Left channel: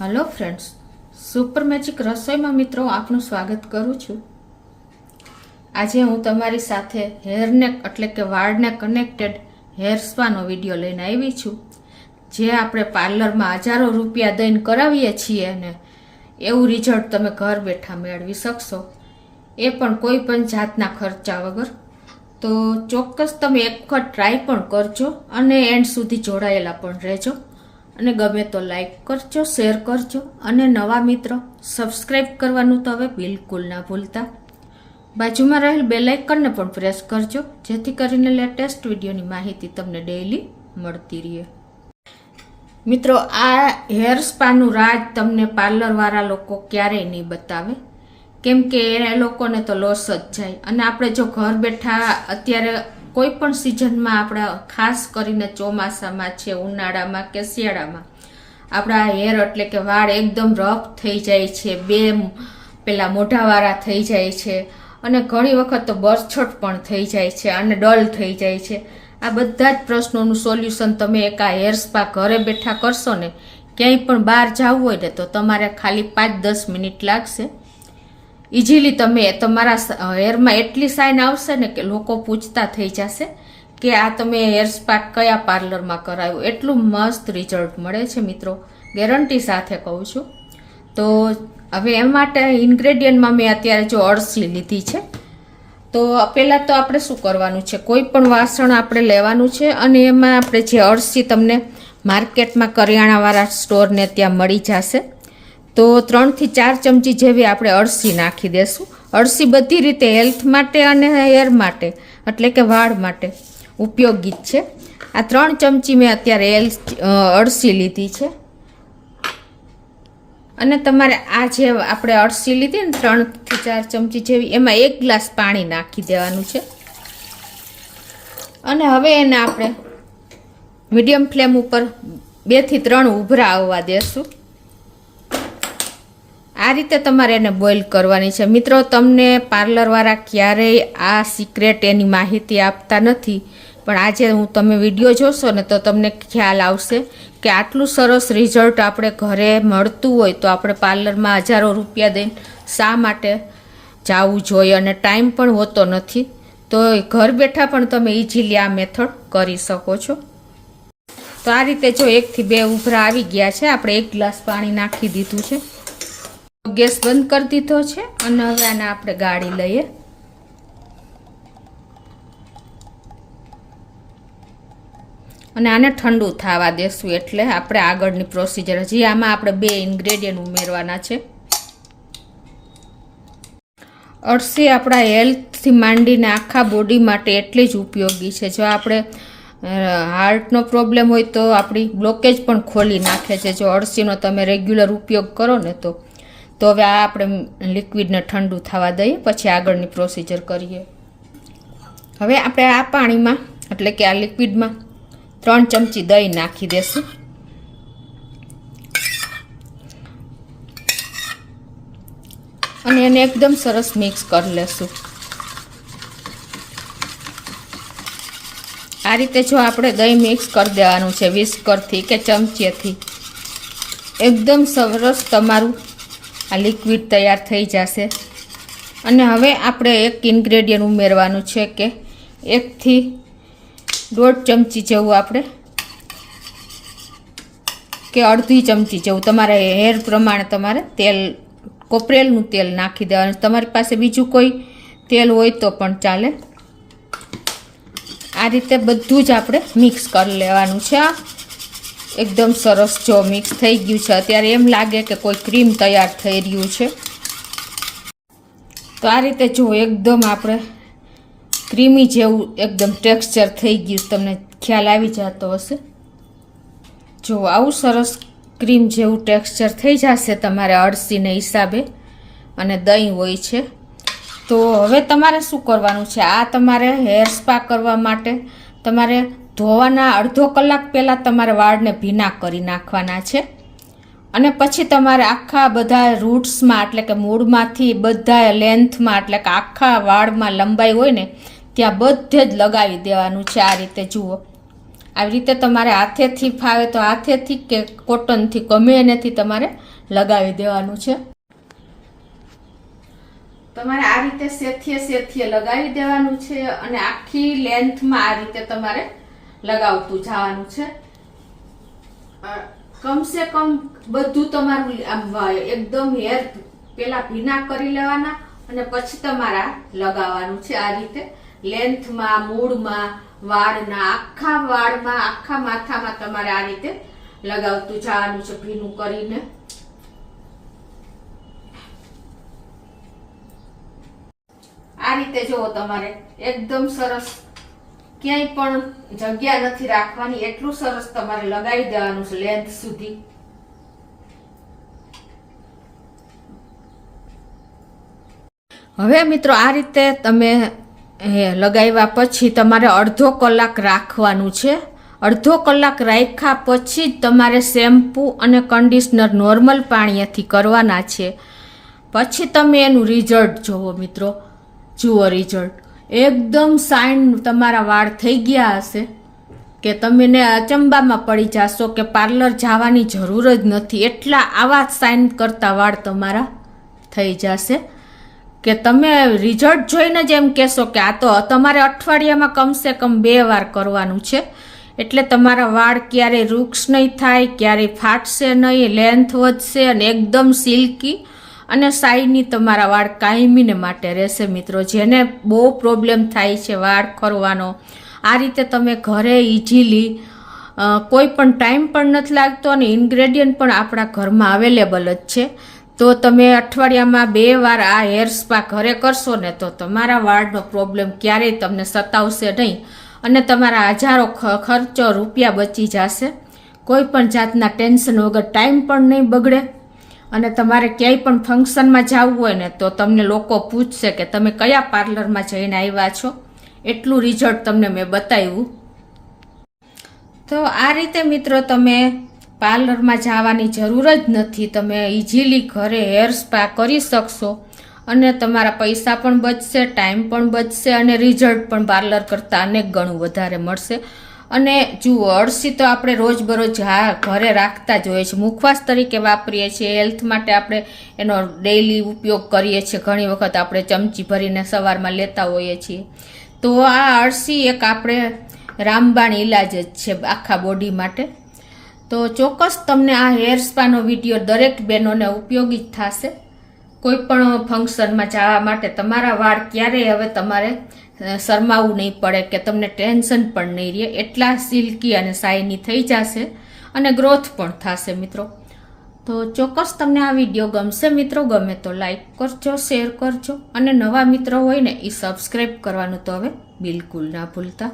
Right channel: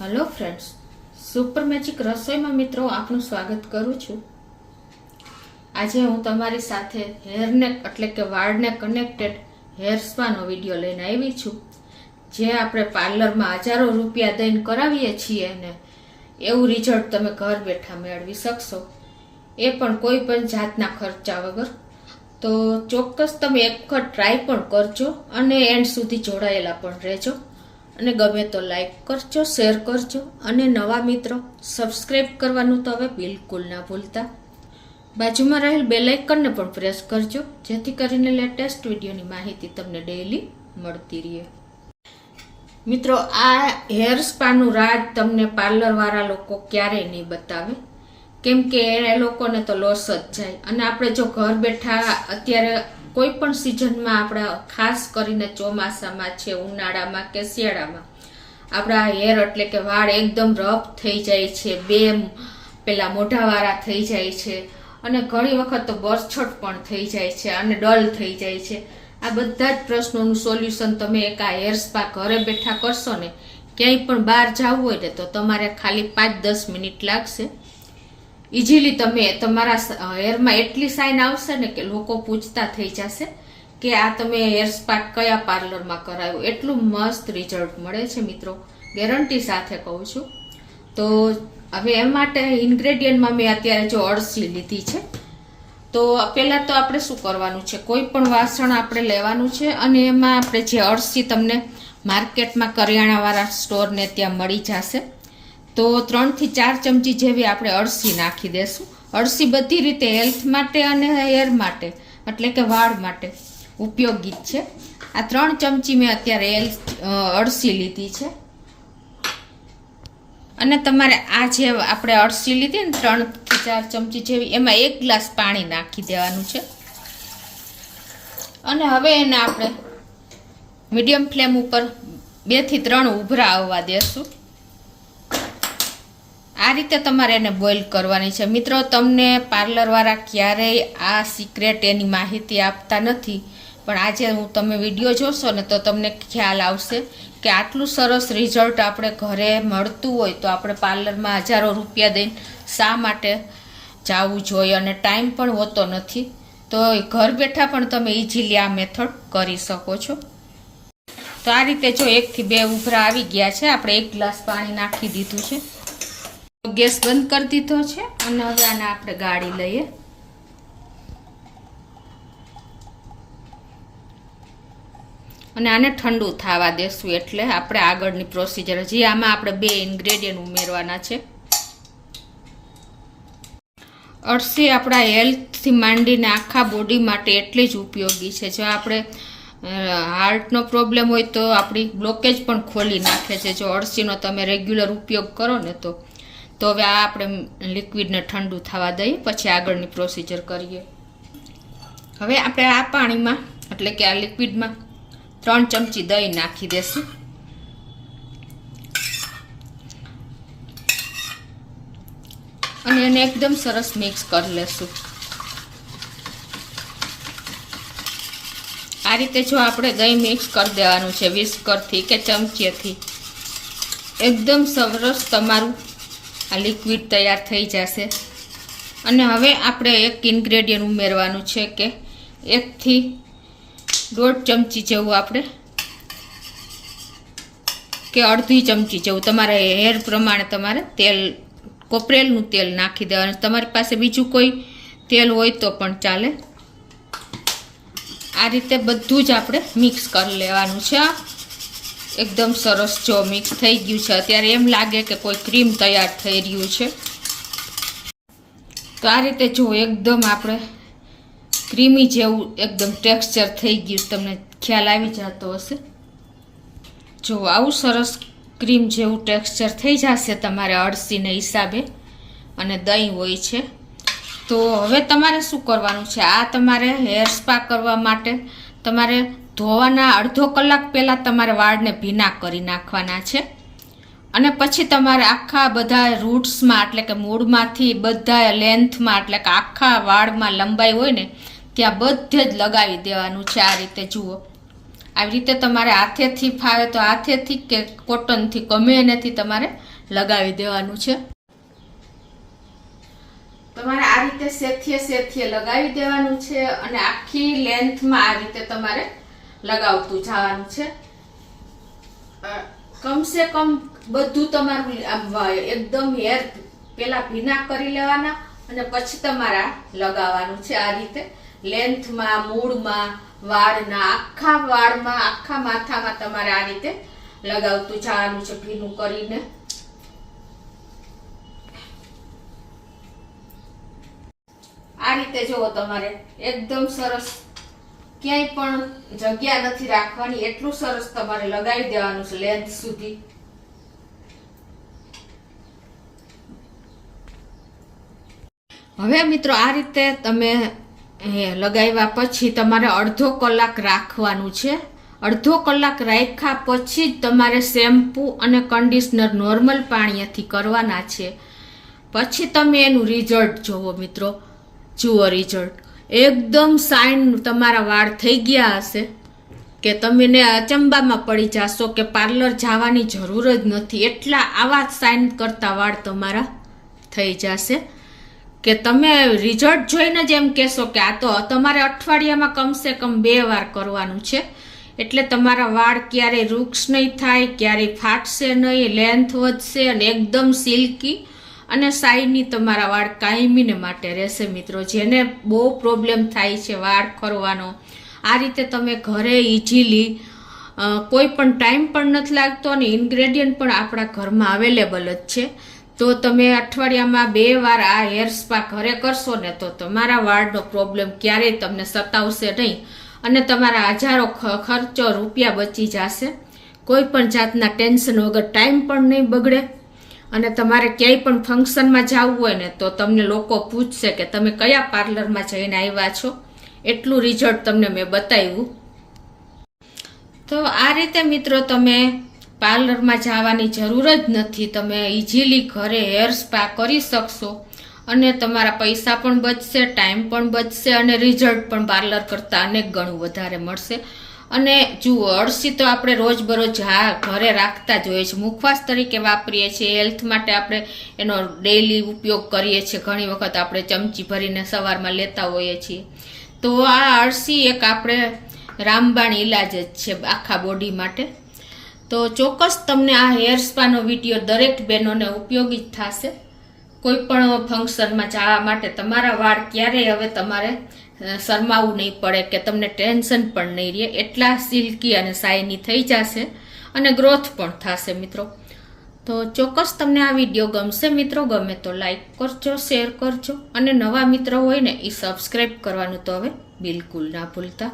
Hello friends, super magic રસોઈમાં મિત્રો આપનું સ્વાગત કરું છું. આજે હું તમારી સાથે હેરને એટલે કે વાળને કનેક્ટેડ હેર સ્પાનો વિડીયો લઈને આવી છું. જે આપણે પાર્લરમાં હજારો રૂપિયા દઈને કરાવીએ છીએ અને એવું રિઝલ્ટ તમે ઘર બેઠા મેળવી શકશો, એ પણ કોઈ પણ જાતના ખર્ચા વગર. તો ચોક્કસ તમે એક વખત ટ્રાય પણ કરજો અને એન્ડ સુધી જોડાયેલા પણ રહેજો. અને ગમે તો લાઈક કરજો, શેર કરજો અને નવા મિત્રો સબસ્ક્રાઇબ કરવાનું તો હવે બિલકુલ ના ભૂલતા. બાજુમાં રહેલ બેલ આઇકનને પણ પ્રેસ કરજો, જેથી કરીને લેટેસ્ટ વિડીયોની માહિતી તમને ડેઈલી મળતી રહે. મિત્રો, આ હેર સ્પાનું રાજ તમને પાર્લરવાળા લોકો ક્યારેય નહીં બતાવે, કેમ કે એ લોકોને તો લોસ જ જાય. અને આપણે જો ઘર બેઠા અત્યારે કોઈ પણ સિઝનમાં આપણા ખાસ કરીને ચોમાસામાં છે, ઉનાળામાં કે શિયાળામાં આપણા હેર એટલે કે વાળ એકદમ રફ થઈ જાય છે, પેલા મોઢાવાળા થઈ જાય છે અને ઘણી વખત તો બરછટ પણ થઈ જાય છે અને ડલ થઈ જાય છે. આ બધા જ પ્રશ્નોનું સોલ્યુશન તમે એક આ હેર સ્પા ઘરે બેઠા કરશો ને, ક્યાંય પણ બહાર જવું હોય ને તો તમારે ખાલી 5-10 મિનિટ લાગશે. ઇઝીલી તમે તમારા હેરમાં એટલી સાઇન આવશે ને કે લોકો પૂછતા થઈ જશે કે આ તમે હેર સ્પા કયા પાર્લરમાં કરાવ્યું. એટલું મસ્ત રિઝલ્ટ મળે છે મિત્રો, ગેરંટી સાથે કહું છું. તો હવે એ માટે ઇન્ગ્રેડિયન્ટમાં મેં અત્યારે જો અળસી લીધી છે. તો પહેલાં તો આપણે શું કરવાનું છે, કોઈ પણ વાસણ આપણે લેવાનું છે અને એમાં આપણે જે અળસી તમને માર્કેટમાં કરિયાણાવાળા સ્ટોરને ત્યાં મળી જશે. તો 3 થી 4 ચમચી જેવી આપણે અળસી નાખી દેશું. અળસી બધી રીતે હેલ્થ માટે અને હેર માટે એટલે કે વાળ માટે ઉપયોગી જ છે. આ 3 ચમચી મેં અત્યારે અળસી લીધી છે. અને તમારે આ જે આપણે અળસી લીધી ને 3 થી 4 ચમચી જેવી, એમાં 1 ગ્લાસ પાણી નાખી દેવાનું છે. અને હવે એને આપણે મીડિયમ ફ્લેમ ઉપર 2 થી 3 ઉભરા આવવા દેશું. આ રીતે તમારે એને બોઇલ કરવાની છે. મિત્રો, તમને પાર્લરવાળા ક્યારેય આ સિક્રેટ એની માહિતી આપતા નથી, પણ આજે હું તમે વિડીયો જોશો ને તો તમને ખ્યાલ આવશે કે આટલું સરસ રિઝલ્ટ આપણે ઘરે મળતું હોય તો આપણે પાર્લરમાં હજારો રૂપિયા દઈને શા માટે જવું જોઈએ, અને ટાઈમ પણ હોતો નથી. તો ઘર બેઠા પણ તમે ઇઝીલી આ મેથડ કરી શકો છો. તો આ રીતે જો 1 થી 2 ઉભરા આવી ગયા છે, આપણે 1 ગ્લાસ પાણી નાખી દીધું છે. ગેસ બંધ કરી દીધો છે અને હવે આને આપણે ગાળી લઈએ. અને આને ઠંડુ થવા દેશું એટલે આપણે આગળની પ્રોસિજર, હજી આમાં આપણે 2 ઇન્ગ્રેડિયન્ટ ઉમેરવાના છે. અળસી આપણા હેલ્થથી માંડીને આખા બોડી માટે એટલી જ ઉપયોગી છે. જો આપણે હાર્ટનો પ્રોબ્લેમ હોય તો આપણી બ્લોકેજ પણ ખોલી નાખે છે જો અળસીનો તમે રેગ્યુલર ઉપયોગ કરો ને તો. હવે આ આપણે લિક્વિડને ઠંડુ થવા દઈએ, પછી આગળની પ્રોસિજર કરીએ. હવે આપણે આ પાણીમાં એટલે કે આ લિક્વિડમાં 3 ચમચી દહીં નાખી દેશું. અને એને એકદમ સરસ મિક્સ કરી લેશું. આ રીતે જો આપણે દહીં મિક્સ કરી દેવાનું છે વિસ્કરથી કે ચમચીથી, એકદમ સરસ તમારું આ લિક્વિડ તૈયાર થઈ જશે. અને હવે આપણે એક ઇન્ગ્રેડિયન્ટ ઉમેરવાનું છે કે 1 થી 1.5 ચમચી જેવું આપણે કે અડધી ચમચી જેવું તમારે હેર પ્રમાણે તમારે તેલ, કોપરેલનું તેલ નાખી દેવાનું. તમારી પાસે બીજું કોઈ તેલ હોય તો પણ ચાલે. આ રીતે બધું જ આપણે મિક્સ કરી લેવાનું છે. એકદમ સરસ જો મિક્સ થઈ ગયું છે. અત્યારે એમ લાગે કે કોઈ ક્રીમ તૈયાર થઈ રહ્યું છે. તો આ રીતે જો એકદમ આપણે ક્રીમી જેવું એકદમ ટેક્સચર થઈ ગયું, તમને ખ્યાલ આવી જતો હશે. જો આવું સરસ ક્રીમ જેવું ટેક્સચર થઈ જશે તમારે અળસીને હિસાબે, અને દહીં હોય છે. તો હવે તમારે શું કરવાનું છે, આ તમારે હેર સ્પા કરવા માટે તમારે ધોવાના અડધો કલાક પહેલાં તમારે વાળને ભીના કરી નાખવાના છે. અને પછી તમારે આખા બધા રૂટ્સમાં એટલે કે મૂળમાંથી બધા લેન્થમાં એટલે કે આખા વાળમાં લંબાઈ હોય ને ત્યાં બધે જ લગાવી દેવાનું છે. આ રીતે જુઓ, આવી રીતે તમારે હાથેથી ફાવે તો હાથેથી કે કોટનથી ગમે એનેથી તમારે લગાવી દેવાનું છે. તમારે આ રીતે સેથીએ લગાવી દેવાનું છે અને આખી લેન્થમાં આ રીતે તમારે લગાવતું જવાનું છે. કમસે કમ બધું તમારું એકદમ હેર પેલા ભીના કરી લેવાના અને પછી તમારા લગાવવાનું છે. આ રીતે લેન્થમાં, મૂળમાં, વાળના આખા વાળમાં, આખા માથામાં તમારે આ રીતે લગાવતું જવાનું છે ભીનું કરીને. આ રીતે જુઓ, તમારે એકદમ સરસ, ક્યાંય પણ જગ્યા નથી રાખવાની, એટલું સરસ તમારે લગાવી દેવાનું છે લેન્થ સુધી. હવે મિત્રો આ રીતે તમે લગાવ્યા પછી તમારે અડધો કલાક રાખવાનું છે. અડધો કલાક રાખ્યા પછી જ તમારે શેમ્પૂ અને કન્ડિશનર નોર્મલ પાણીથી કરવાના છે. પછી તમે એનું રિઝલ્ટ જોવો મિત્રો. જુઓ રિઝલ્ટ, એકદમ શાઇન તમારા વાળ થઈ ગયા હશે કે તમને અચંબામાં પડી જશો કે પાર્લર જવાની જરૂર જ નથી. એટલા આવા શાઇન કરતા વાળ તમારા થઈ જશે કે તમે રિઝલ્ટ જોઈને જ એમ કહેશો કે આ તો તમારે અઠવાડિયામાં કમસે કમ 2 વાર કરવાનું છે. એટલે તમારા વાળ ક્યારેય વૃક્ષ નહીં થાય, ક્યારેય ફાટશે નહીં, લેન્થ વધશે અને એકદમ સિલ્કી અને શાઇની તમારા વાળ કાયમીને માટે રહેશે. મિત્રો જેને બહુ પ્રોબ્લેમ થાય છે વાળ ખરવાનો, આ રીતે તમે ઘરે ઇઝીલી, કોઈ પણ ટાઈમ પણ નથી લાગતો અને ઇન્ગ્રેડિયન્ટ પણ આપણા ઘરમાં અવેલેબલ જ છે. તો તમે અઠવાડિયામાં 2 વાર આ હેર સ્પા ઘરે કરશો ને તો તમારા વાળનો પ્રોબ્લેમ ક્યારેય તમને સતાવશે નહીં અને તમારા હજારો ખર્ચો રૂપિયા બચી જશે. કોઈ પણ જાતના ટેન્શન વગર, ટાઈમ પણ નહીં બગડે અને તમારે ક્યાંય પણ ફંક્શનમાં જવું હોય ને તો તમને લોકો પૂછશે કે તમે કયા પાર્લરમાં જઈને આવ્યા છો. એટલું રિઝલ્ટ તમને મેં બતાવ્યું. તો આ રીતે મિત્રો તમે પાર્લરમાં જવાની જરૂર જ નથી. તમે ઇઝીલી ઘરે હેર સ્પા કરી શકશો અને તમારા પૈસા પણ બચશે, ટાઈમ પણ બચશે અને રિઝલ્ટ પણ પાર્લર કરતાં અનેક ગણું વધારે મળશે. અને જુઓ, અળસી તો આપણે રોજબરોજ ઘરે રાખતા જ હોઈએ છીએ, મુખવાસ તરીકે વાપરીએ છીએ, હેલ્થ માટે આપણે એનો ડેઈલી ઉપયોગ કરીએ છીએ. ઘણી વખત આપણે ચમચી ભરીને સવારમાં લેતા હોઈએ છીએ. તો આ અળસી એક આપણે રામબાણ ઇલાજ જ છે આખા બોડી માટે. તો ચોક્કસ તમને આ હેર સ્પાનો વિડીયો દરેક બહેનોને ઉપયોગી જ થશે. કોઈ પણ ફંક્શનમાં જવા માટે તમારા વાળ ક્યારેય હવે તમારે શરમાવું નહીં પડે કે તમને ટેન્શન પણ નહીં રહે. એટલા સિલ્કી અને શાઇની થઈ જશે અને ગ્રોથ પણ થશે મિત્રો. તો ચોક્કસ તમને આ વિડીયો ગમશે મિત્રો. ગમે તો લાઈક કરજો, શેર કરજો અને નવા મિત્રો હોય ને એ સબસ્ક્રાઈબ કરવાનું તો હવે બિલકુલ ના ભૂલતા.